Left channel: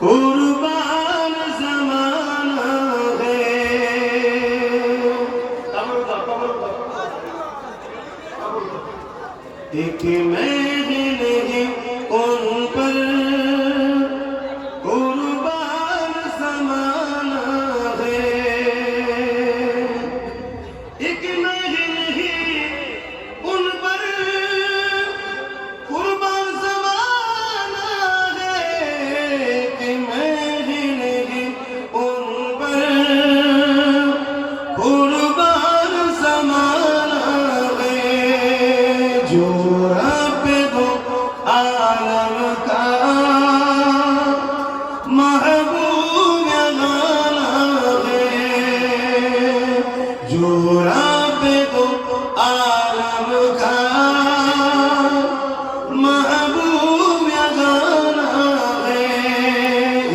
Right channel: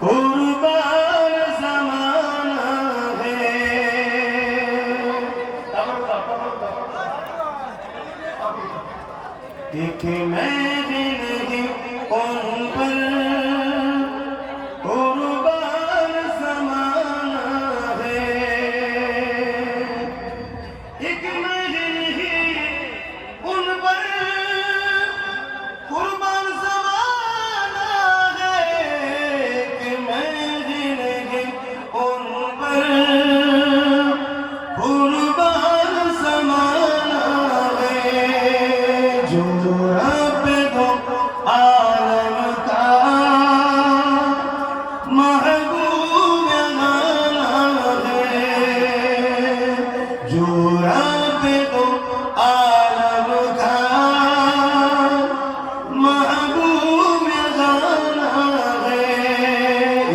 कुर्बान ज़माना है। एक महफिल है उन पर कुर्बान ज़माना है। एक महफिल है उन पर कुर्बान ज़माना है। एक महफिल है उन पर कुर्बान ज़माना है। जो रब दो आलम का महबूब गाना है। जो रब दो आलम का महबूब गाना है।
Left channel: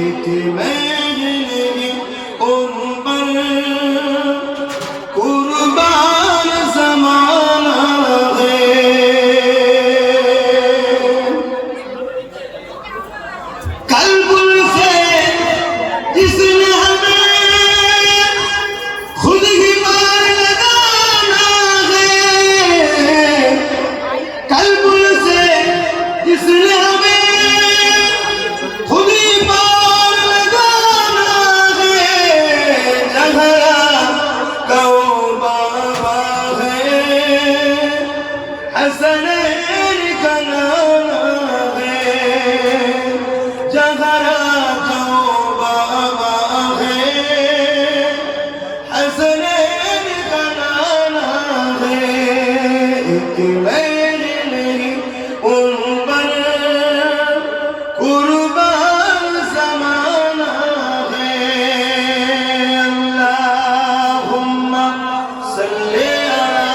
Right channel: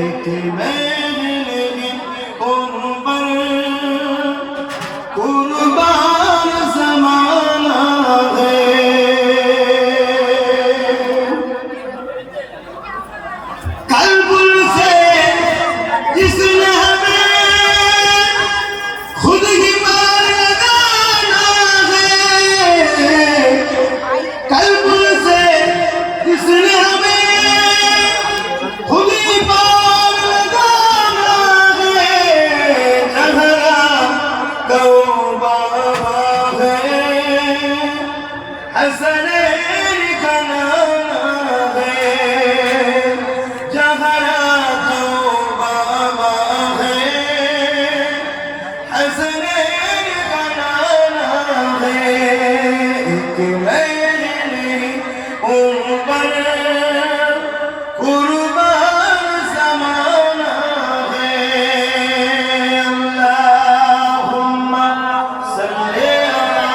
एक महफिल उन पर कुर्बान ज़माना है। कल्बुल से जिसने हमें खुद ही मार लगाना है। कल्बुल से जिसने हमें खुद ही मार लगाना है। जहरा तौबा है हसनैन का नाम है। जहरा तौबा है हसनैन का नाम है। एक महफिल उन पर कुर्बान ज़माना है। अल्लाहुम्मा सल्ली अला